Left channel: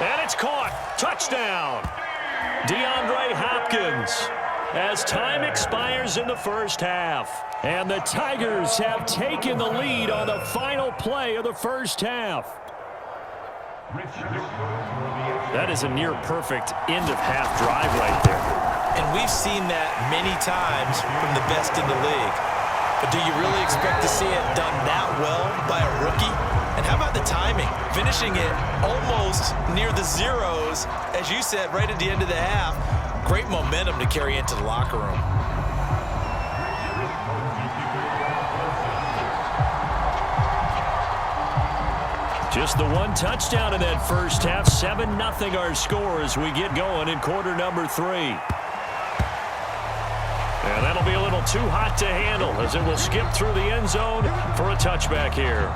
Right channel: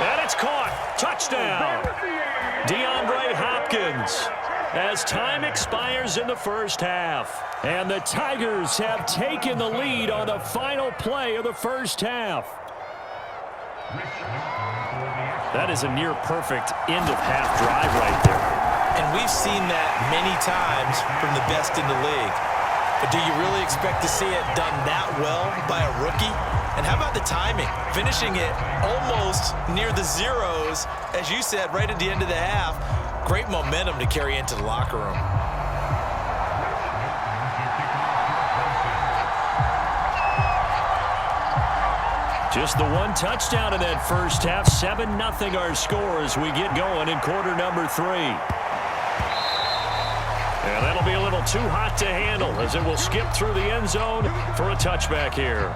And it's caught. Touchdown. DeAndre Hopkins. As time expires in the first half. And the Tigers have taken the lead on the final play of the first half. That is a near-perfect end-of-half drive right there. And we've seen that many times from the best in the league. But do you really expect to see it done that well by a rookie? And how about the timing? Finishing it almost near the zeros, as you said, right at the end of the half. Great momentum to carry into the locker room. Just the one touchdown in that first half. 7-0 our score as we get going in quarter number 3. And that'll be a little too hot to handle as it will skip through the end zone for a touchback here.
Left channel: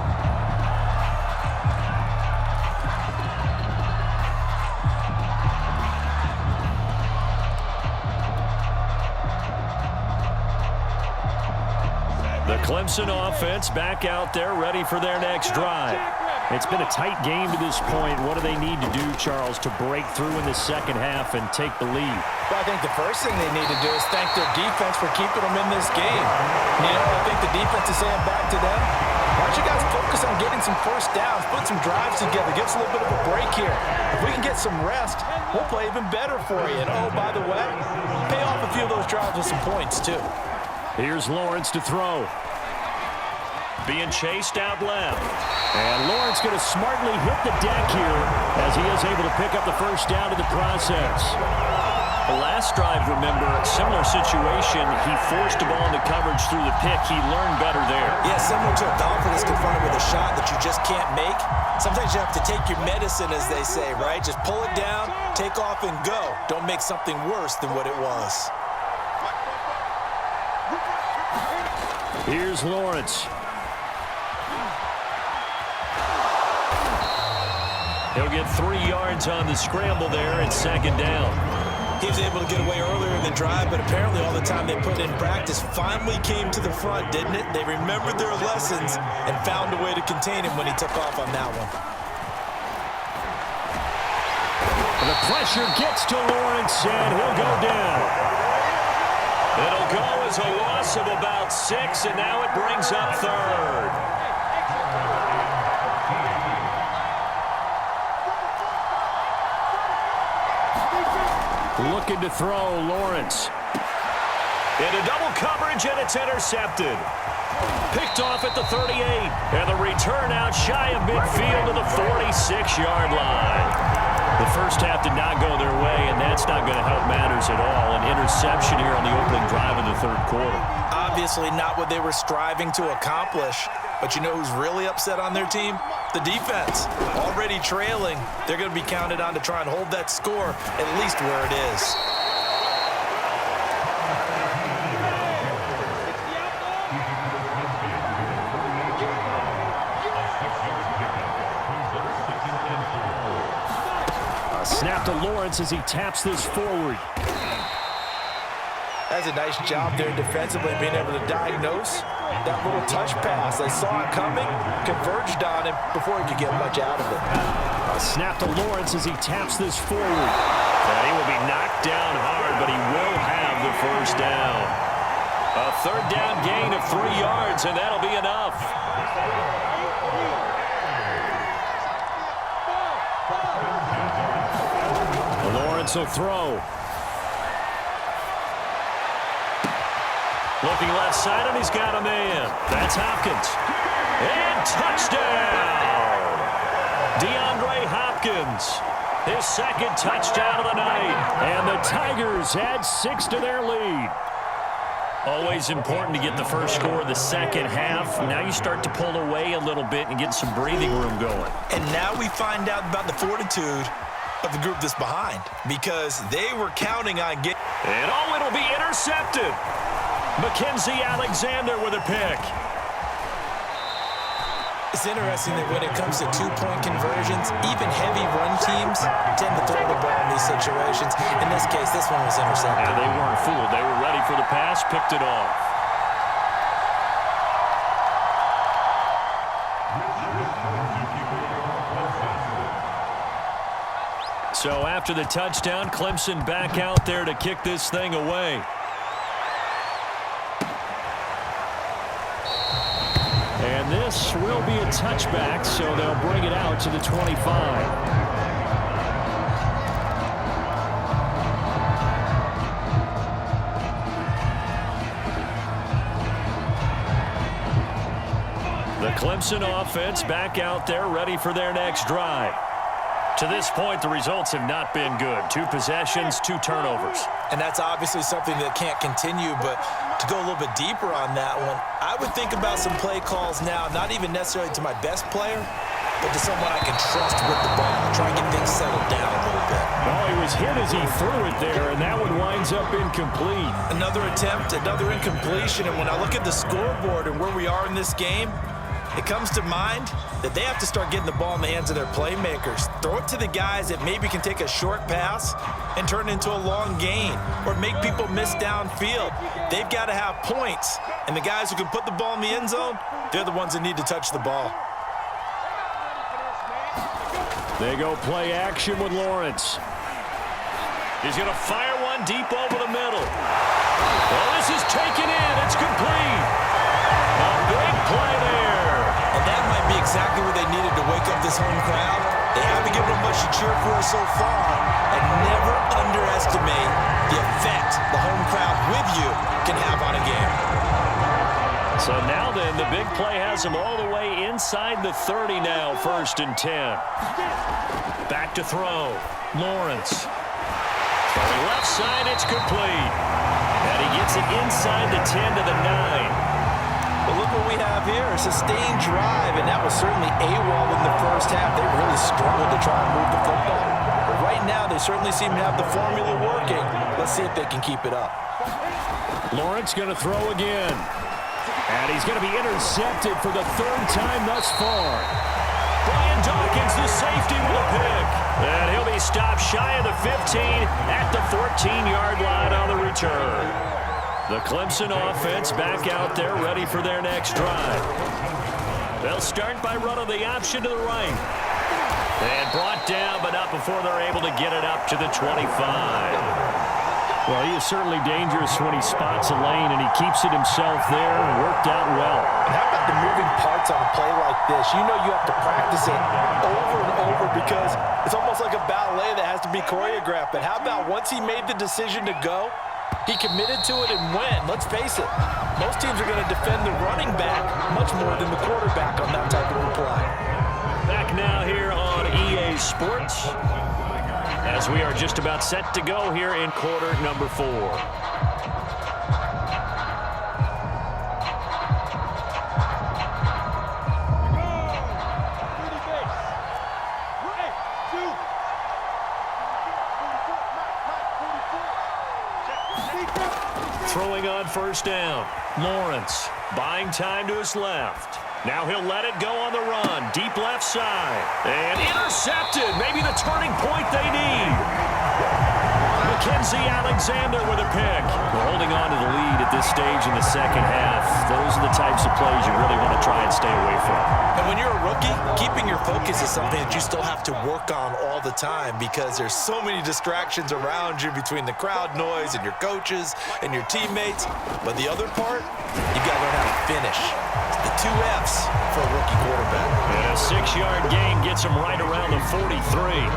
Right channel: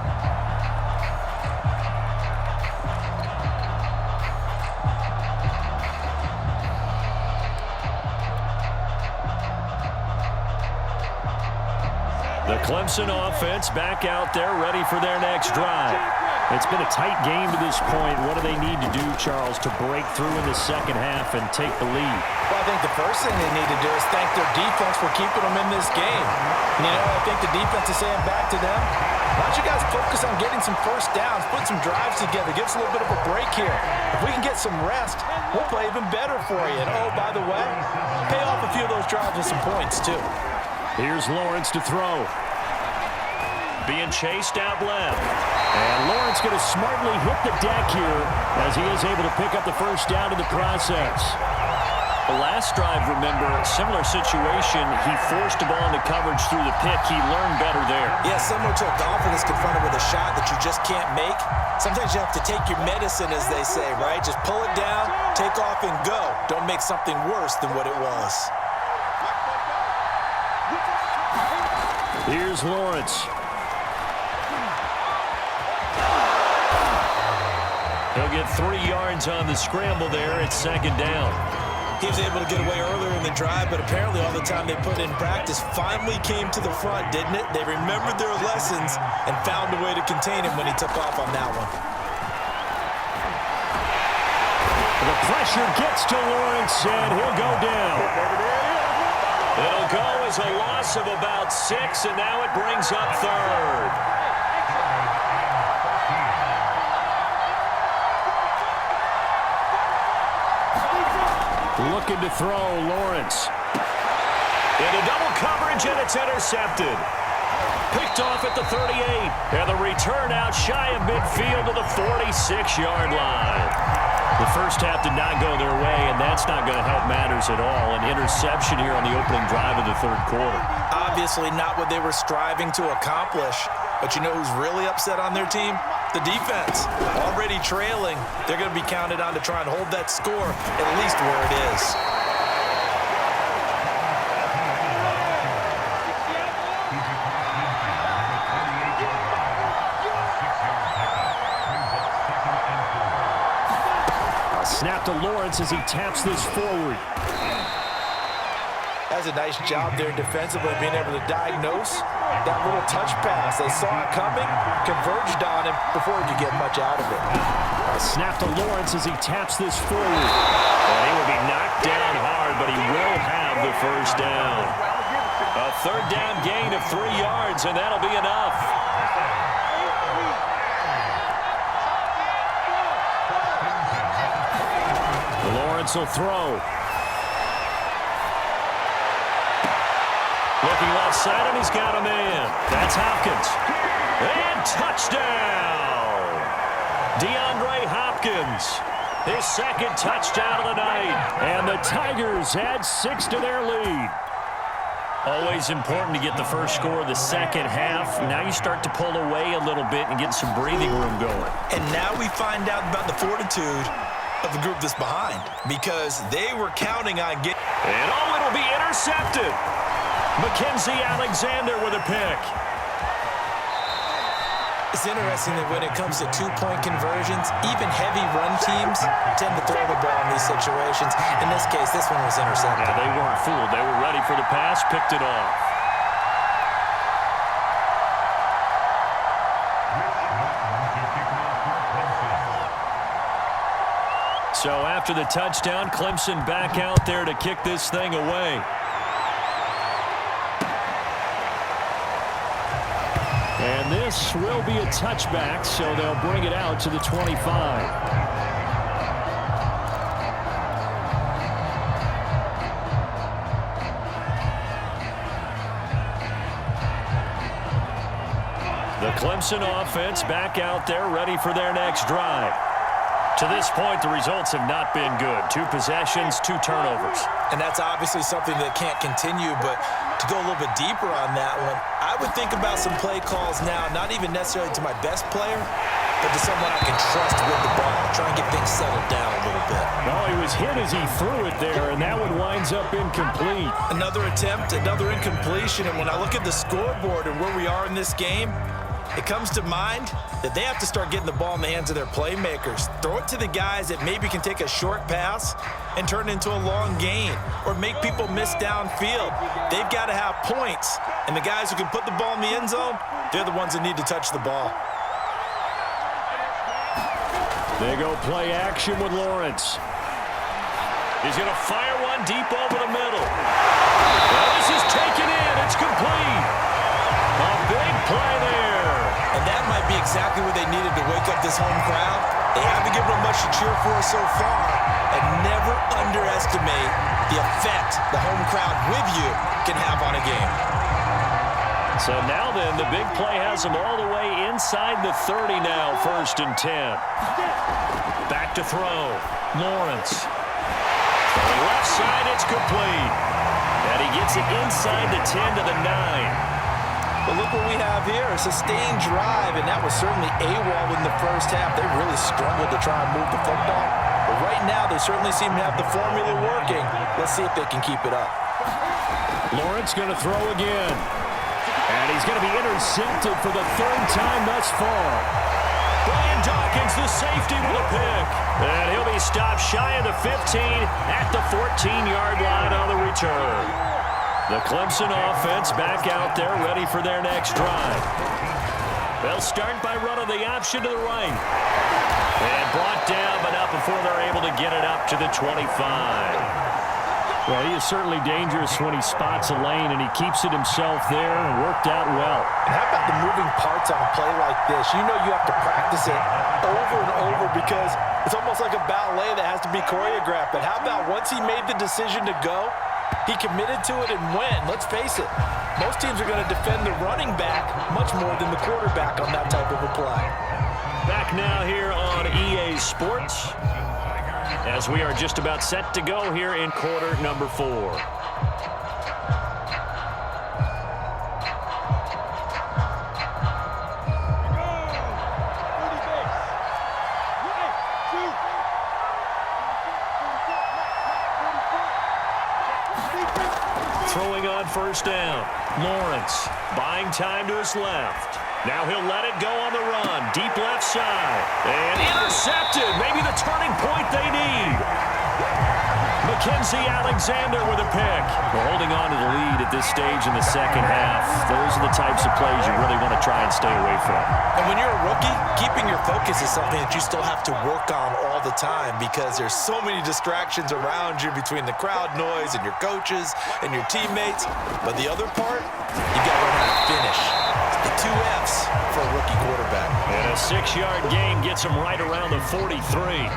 The Clemson offense back out there ready for their next drive. It's been a tight game to this point. What do they need to do, Charles, to break through in the second half and take the lead? Well, I think the first thing they need to do is thank their defense for keeping them in this game. You know, I think the defense is saying back to them, why don't you guys focus on getting some first downs, put some drives together, give us a little bit of a break here. If we can get some rest, we'll play even better for you. And, oh, by the way, pay off a few of those drives with some points, too. Here's Lawrence to throw. Being chased out left. And Lawrence going to smartly hit the deck here as he is able to pick up the first down in the process. The last drive, remember, similar situation. He forced the ball into coverage through the pick. He learned better there. Yeah, similar to a golfer that's confronted with a shot that you just can't make. Sometimes you have to take your medicine, as they say, right? Just pull it down, take off, and go. Don't make something worse than what it was. Here's Lawrence. He'll get 3 yards on the scramble there at second down. He was able to get away earlier in the drive, but apparently all the time they put in practice finally came to the front, didn't it? They remembered their lessons and found a way to contain him when he took off on that one. The pressure gets to Lawrence, and he'll go down. It'll go as a loss of about 6, and now it brings up third. Looking to throw, Lawrence. Into double coverage, and it's intercepted. Picked off at the 38. And the return out shy of midfield to the 46-yard line. The first half did not go their way, and that's not going to help matters at all. An interception here on the opening drive of the third quarter. Obviously not what they were striving to accomplish. But you know who's really upset on their team? The defense. Already trailing. They're going to be counted on to try and hold that score at least where it is. A snap to Lawrence as he taps this forward. That's a nice job there defensively, being able to diagnose that little touch pass. They saw it coming, converged on him before he could get much out of it. A snap to Lawrence as he taps this forward. And he will be knocked down hard, but he will have the first down. A third down gain of 3 yards, and that'll be enough. Lawrence will throw. Looking left side, and he's got a man. That's Hopkins. And touchdown! DeAndre Hopkins. His second touchdown of the night. And the Tigers add 6 to their lead. Always important to get the first score of the second half. Now you start to pull away a little bit and get some breathing room going. And now we find out about the fortitude of the group that's behind, because they were counting on getting... And oh, it'll be intercepted. Mackenzie Alexander with a pick. It's interesting that when it comes to two-point conversions, even heavy run teams tend to throw the ball in these situations. In this case, this one was intercepted. Yeah, they weren't fooled. They were ready for the pass, picked it off. So after the touchdown, Clemson back out there to kick this thing away. And this will be a touchback, so they'll bring it out to the 25. The Clemson offense back out there ready for their next drive. To this point, the results have not been good. 2 possessions, 2 turnovers. And that's obviously something that can't continue, but to go a little bit deeper on that one, I would think about some play calls now, not even necessarily to my best player, but to someone I can trust with the ball, try and get things settled down a little bit. Well, he was hit as he threw it there, and that one winds up incomplete. Another attempt, another incompletion, and when I look at the scoreboard and where we are in this game, it comes to mind that they have to start getting the ball in the hands of their playmakers. Throw it to the guys that maybe can take a short pass and turn it into a long gain or make people miss downfield. They've got to have points, and the guys who can put the ball in the end zone, they're the ones that need to touch the ball. They go play action with Lawrence. He's going to fire one deep over the middle. Well, this is taken in. It's complete. A big play there. And that might be exactly what they needed to wake up this home crowd. They haven't given them much to cheer for so far, and never underestimate the effect the home crowd with you can have on a game. So now then, the big play has them all the way inside the 30 now, 1st and 10. Back to throw. Lawrence. Throwing left side, it's complete. And he gets it inside the 10 to the 9. But look what we have here, a sustained drive, and that was certainly AWOL in the first half. They really struggled to try and move the football. But right now, they certainly seem to have the formula working. Let's see if they can keep it up. Lawrence going to throw again. And he's going to be intercepted for the 3rd time thus far. Brian Dawkins, the safety, with a pick. And he'll be stopped shy of the 15 at the 14-yard line on the return. The Clemson offense back out there ready for their next drive. They'll start by running the option to the right. And brought down, but not before they're able to get it up to the 25. Well, he is certainly dangerous when he spots a lane, and he keeps it himself there and worked out well. And how about the moving parts on a play like this? You know you have to practice it over and over because it's almost like a ballet that has to be choreographed. But how about once he made the decision to go, he committed to it and went. Let's face it, most teams are going to defend the running back much more than the quarterback on that type of a play. Back now here on EA Sports as we are just about set to go here in quarter number 4. Throwing on 1st down. Lawrence buying time to his left. Now he'll let it go on the run. Deep left side. And intercepted. Maybe the turning point they need. Mackenzie Alexander with a pick. Well, holding on to the lead at this stage in the second half. Those are the types of plays you really want to try and stay away from. And when you're a rookie, keeping your focus is something that you still have to work on all the time because there's so many distractions around you between the crowd noise and your coaches and your teammates. But the other part, you got to learn how to finish. The 2 F's for a rookie quarterback. And a 6-yard gain gets him right around the 43.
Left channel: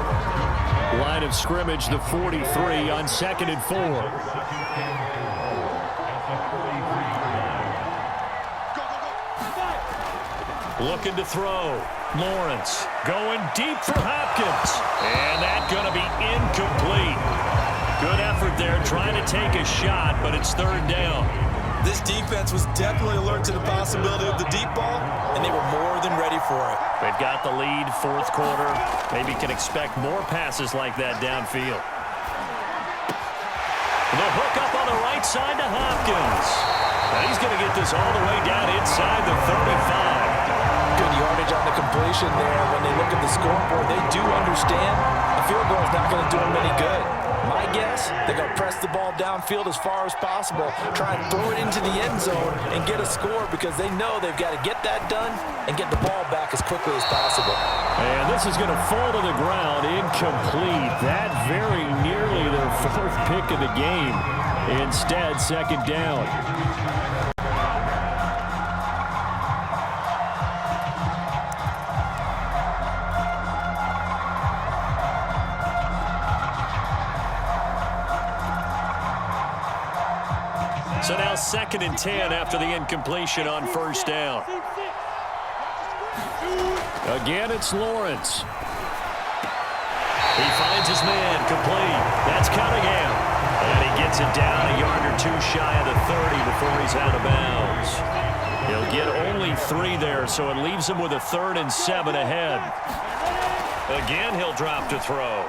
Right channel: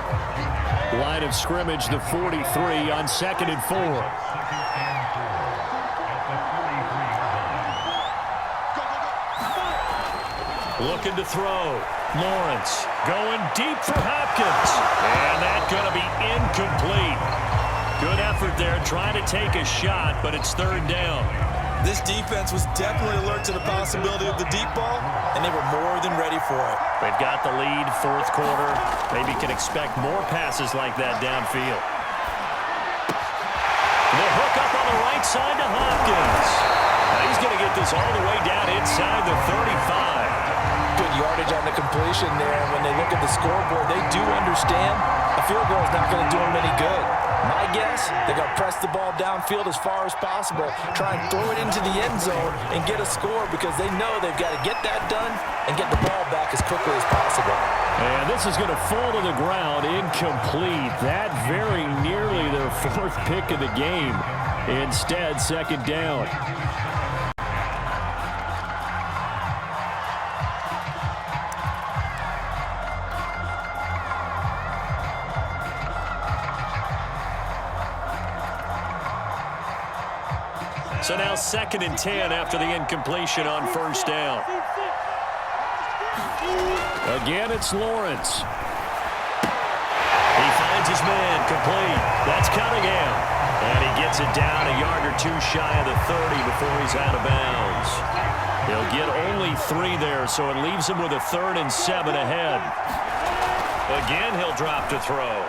Line of scrimmage, the 43 on 2nd and 4. Looking to throw. Lawrence going deep for Hopkins. And that's going to be incomplete. Good effort there trying to take a shot, but it's 3rd down. This defense was definitely alert to the possibility of the deep ball, and they were more than ready for it. They've got the lead, 4th quarter. Maybe can expect more passes like that downfield. The hook up on the right side to Hopkins. Now he's going to get this all the way down inside the 35. Good yardage on the completion there. When they look at the scoreboard, they do understand a field goal is not going to do them any good. My guess, they're going to press the ball downfield as far as possible, try and throw it into the end zone and get a score because they know they've got to get that done and get the ball back as quickly as possible. And this is going to fall to the ground, incomplete. That very nearly their fourth pick of the game. Instead, second down. So now 2nd and 10 after the incompletion on first down. Again, it's Lawrence. He finds his man, complete. That's Cunningham. And he gets it down a yard or two shy of the 30 before he's out of bounds. He'll get only 3 there, so it leaves him with a 3rd and 7 ahead. Again, he'll drop to throw.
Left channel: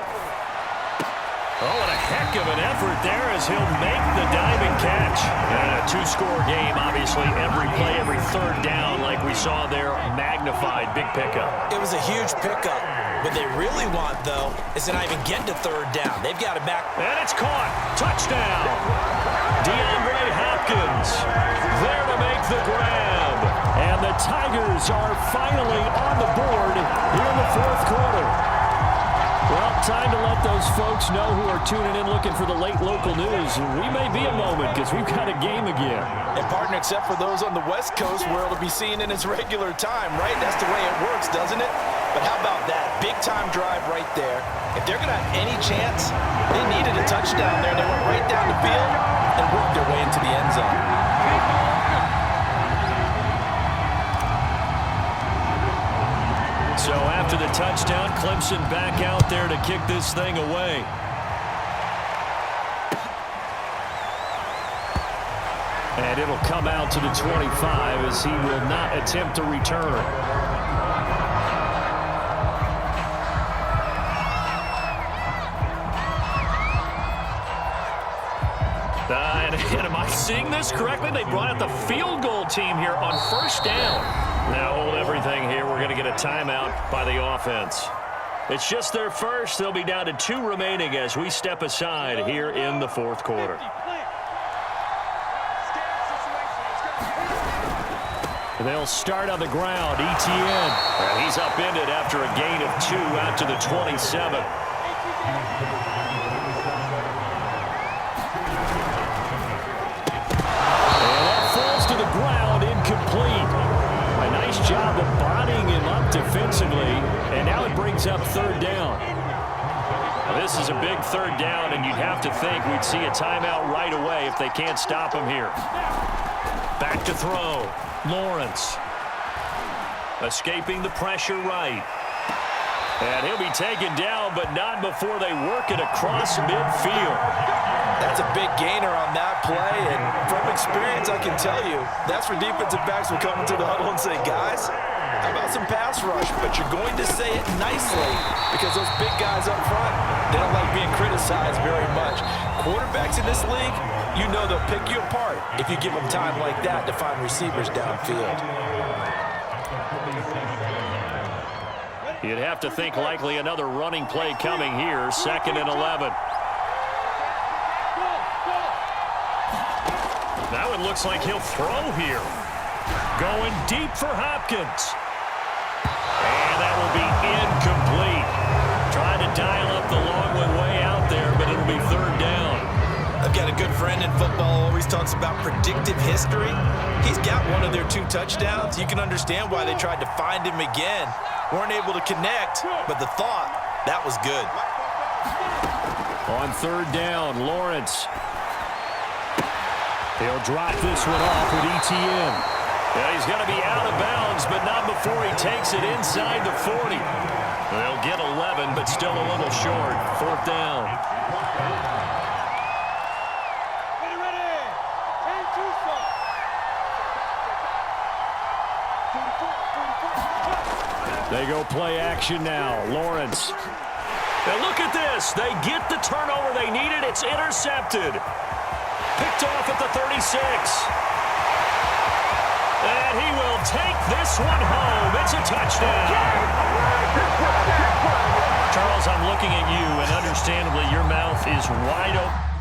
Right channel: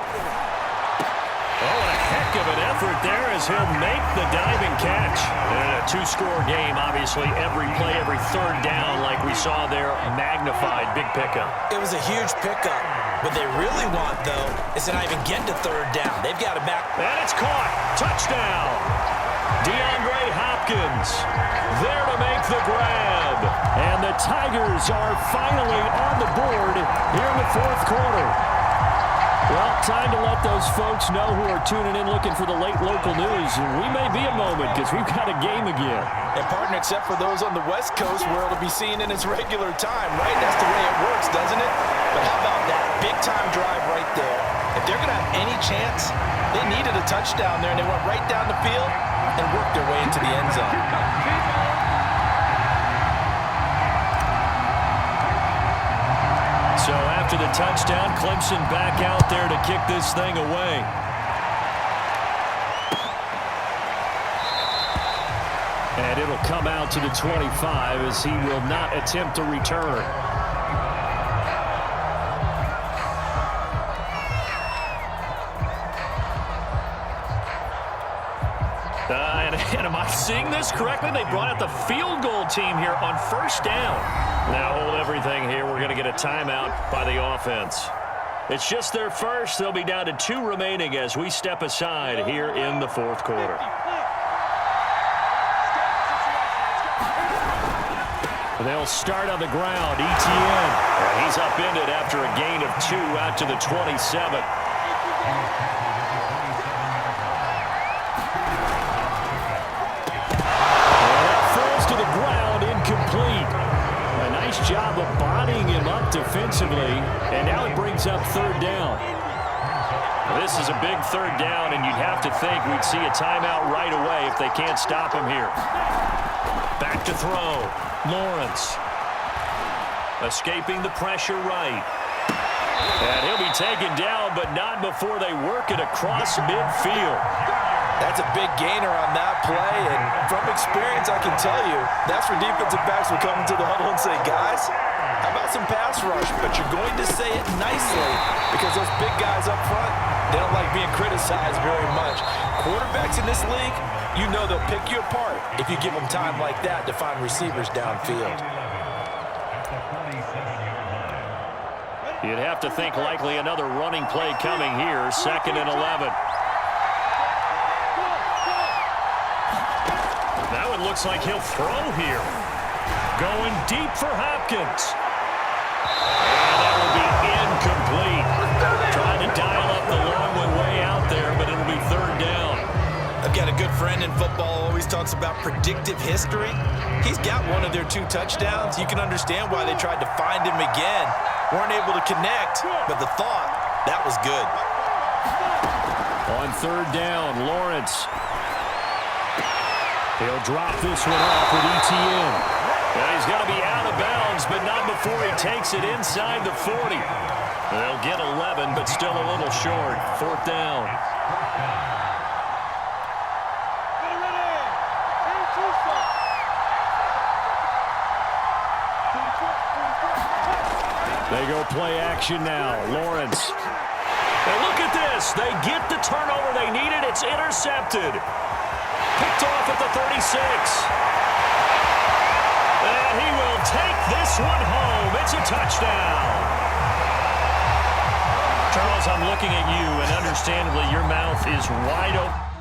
Oh, and a heck of an effort there as he'll make the diving catch. And a 2-score game, obviously, every play, every 3rd down, like we saw there, magnified, big pickup. It was a huge pickup. What they really want, though, is to not even get to 3rd down. They've got to back. And it's caught. Touchdown. DeAndre Hopkins there to make the grab. And the Tigers are finally on the board here in the 4th quarter. Well, time to let those folks know who are tuning in looking for the late local news. We may be a moment because we've got a game again. And, partner, except for those on the West Coast where it'll be seen in its regular time, right? That's the way it works, doesn't it? But how about that? Big-time drive right there. If they're going to have any chance, they needed a touchdown there, and they went right down the field and worked their way into the end zone. So after the touchdown, Clemson back out there to kick this thing away. And it'll come out to the 25 as he will not attempt to return. And am I seeing this correctly? They brought out the field goal team here on first down. Now hold everything here. We're going to get a timeout by the offense. It's just their first. They'll be down to 2 remaining as we step aside here in the 4th quarter. They'll start on the ground. Etienne. And he's upended after a gain of 2 out to the 27. To the ground, incomplete. A nice job of bodying him up defensively, and now it brings up 3rd down. Now, this is a big 3rd down, and you'd have to think we'd see a timeout right away if they can't stop him here. Back to throw. Lawrence. Escaping the pressure right. And he'll be taken down, but not before they work it across midfield. That's a big gainer on that play, and from experience, I can tell you, that's where defensive backs will come into the huddle and say, guys, how about some pass rush? But you're going to say it nicely because those big guys up front, they don't like being criticized very much. Quarterbacks in this league, you know they'll pick you apart if you give them time like that to find receivers downfield. You'd have to think likely another running play coming here, 2nd and 11. Now it looks like he'll throw here. Going deep for Hopkins. And that will be incomplete. Trying to dial up the long one way out there, but it'll be 3rd down. I've got a good friend in football who always talks about predictive history. He's got one of their 2 touchdowns. You can understand why they tried to find him again. Weren't able to connect, but the thought, that was good. On 3rd down, Lawrence. He'll drop this one off with Etienne. And he's going to be out of bounds, but not before he takes it inside the 40. They'll get 11, but still a little short. 4th down. They go play action now. Lawrence. And look at this. They get the turnover they needed. It's intercepted. Picked off at the 36. And he will take this one home. It's a touchdown. Charles, I'm looking at you, and understandably, your mouth is wide open.